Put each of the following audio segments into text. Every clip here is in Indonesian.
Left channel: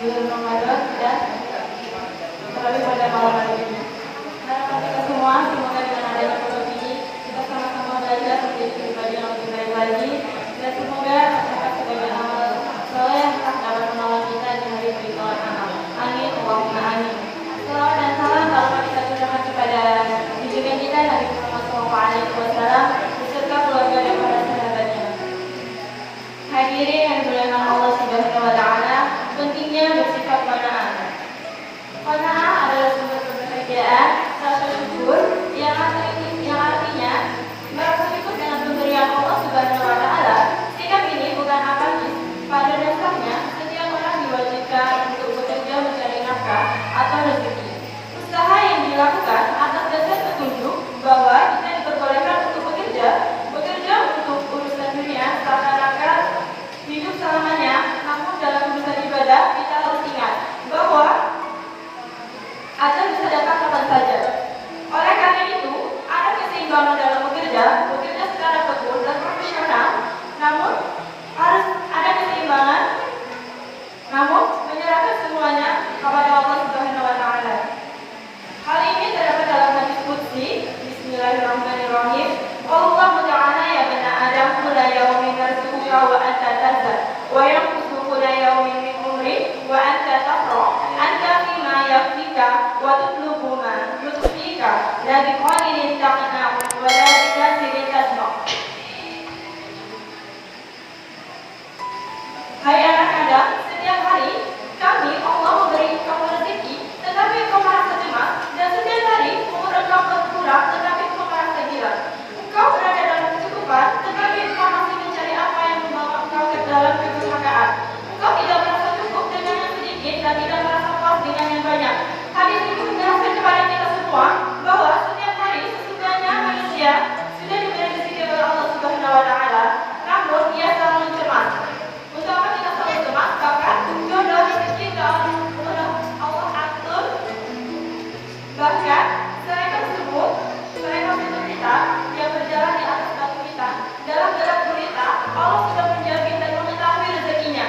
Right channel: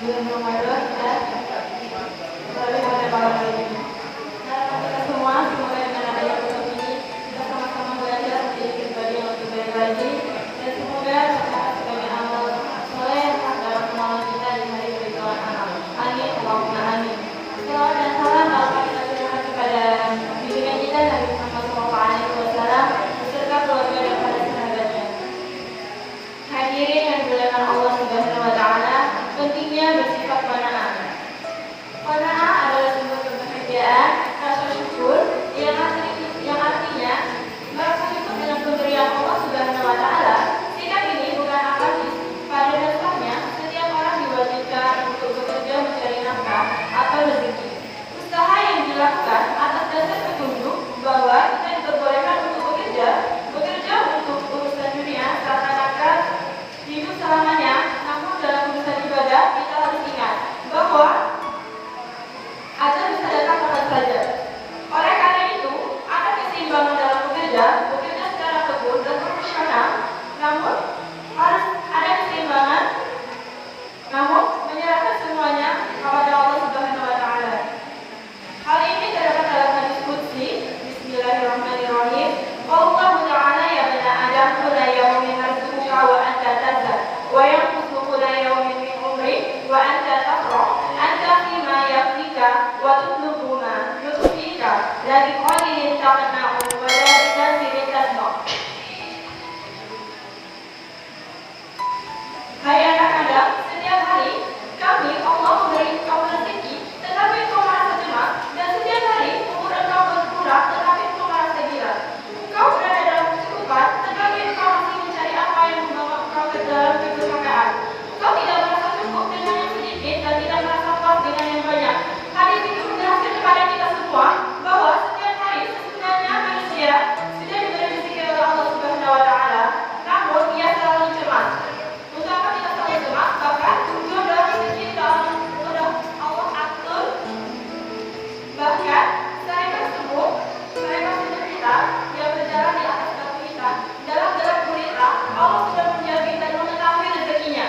bulan Ramadan dan terlebih pada malam hari ini. Harapan kita semua semoga dengan adanya produk ini kita sama-sama belajar menjadi pribadi yang lebih baik lagi, dan semoga dapat sebagai amal soleh dapat menolong kita di hari berikutnya. Amin, Allahumma amin. Salawat dan salam Allah kita berikan kepada junjungan kita Nabi Muhammad SAW beserta keluarga dan para sahabatnya. Hadirin yang dimuliakan Allah Subhanahu wa Ta'ala, pentingnya bersifat qanaah. Qanaah adalah sumber kebahagiaan, rasa syukur yang artinya merasa cukup dengan pemberian Allah Subhanahu wa Ta'ala. Sikap ini bukan akasis. Pada dasarnya, setiap orang diwajibkan untuk bekerja mencari nafkah atau rezeki. Usaha yang dilakukan atas dasar petunjuk bahwa kita diperbolehkan untuk bekerja untuk urusan dunia seakan-akan hidup selamanya. Namun dalam urusan ibadah kita harus ingat bahwa ajal bisa datang kapan saja. Oleh karena itu, ada keseimbangan dalam bekerja secara tekun dan profesional. Namun harus ada keseimbangan, namun menyerahkan semuanya kepada Allah Subhanahu wa Ta'ala. Hal ini terdapat dalam hadis qudsi. Bismillahirrahmanirrahim. Allah ta'ala ya bani Adam kulla yawmin rizquka wa anta tazad wa yanqusu kulla yawmin min umri wa anta taqra anta fima yakfika wa tutlubu ma yutfika la biqalilin taqna'u wa la bikathirin tasma'. Hai anak Adam, setiap hari kami Allah memberi kamu rezeki, tetapi kau merasa cemas, dan setiap hari umur engkau berkurang, tetapi kau merasa gila. Engkau berada dalam kecukupan, tetapi engkau masih mencari apa yang membawa engkau ke dalam kedurhakaan. Engkau tidak merasa cukup dengan yang sedikit dan tidak merasa puas dengan yang banyak. Hadis ini menjelaskan kepada kita semua bahwa setiap hari sesungguhnya manusia sudah diberi rezeki oleh Allah Subhanahu wa Ta'ala, namun ia selalu cemas. Untuk apa kita selalu cemas? Bahkan jodoh rezeki sudah Allah atur. Bahkan serempak tubuh kita yang berjalan di atas batu kita dalam gelap gulita, Allah sudah menjamin dan mengetahui rezekinya.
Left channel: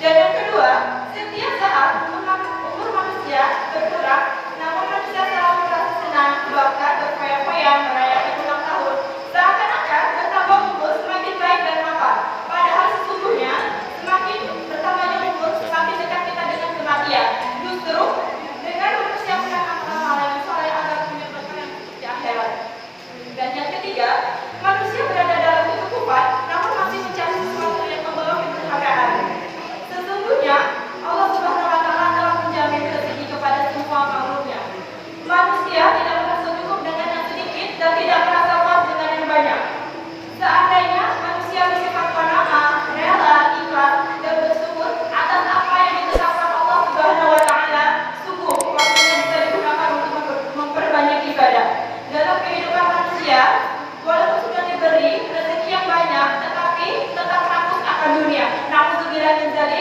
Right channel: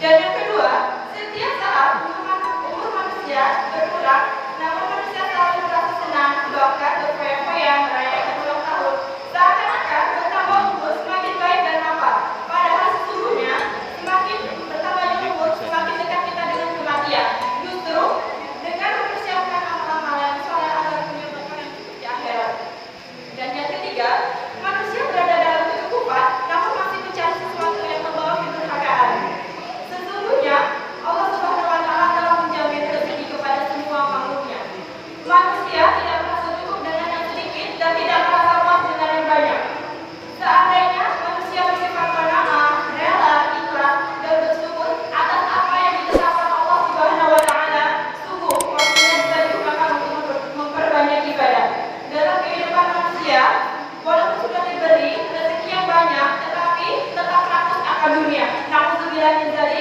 Dan yang kedua, setiap saat umur manusia berkurang, namun manusia selalu merasa senang, bahkan berfoya-foya merayakan ulang tahun, seakan-akan bertambah umur semakin baik dan mapan. Padahal sesungguhnya semakin bertambahnya umur, semakin dekat kita dengan kematian. Justru dengan mempersiapkan amal yang soleh agar punya bekal yang cukup di akhirat. Dan yang ketiga, manusia berada dalam kecukupan, namun masih mencari sesuatu yang membawa kedurhakaan. Sesungguhnya Allah Subhanahu wa Ta'ala telah menjamin rezeki kepada semua makhluknya. Manusia tidak merasa cukup dengan yang sedikit dan tidak merasa puas dengan yang banyak. Seandainya manusia bersifat qanaah, rela, ikhlas, dan bersyukur atas apa yang ditetapkan Allah Subhanahu wa Ta'ala, sungguh waktunya bisa digunakan untuk memperbanyak ibadah. Dalam kehidupan manusia, walaupun sudah diberi rezeki yang banyak, tetapi tetap rakus akan dunia. Na'udzubillah min dzalik.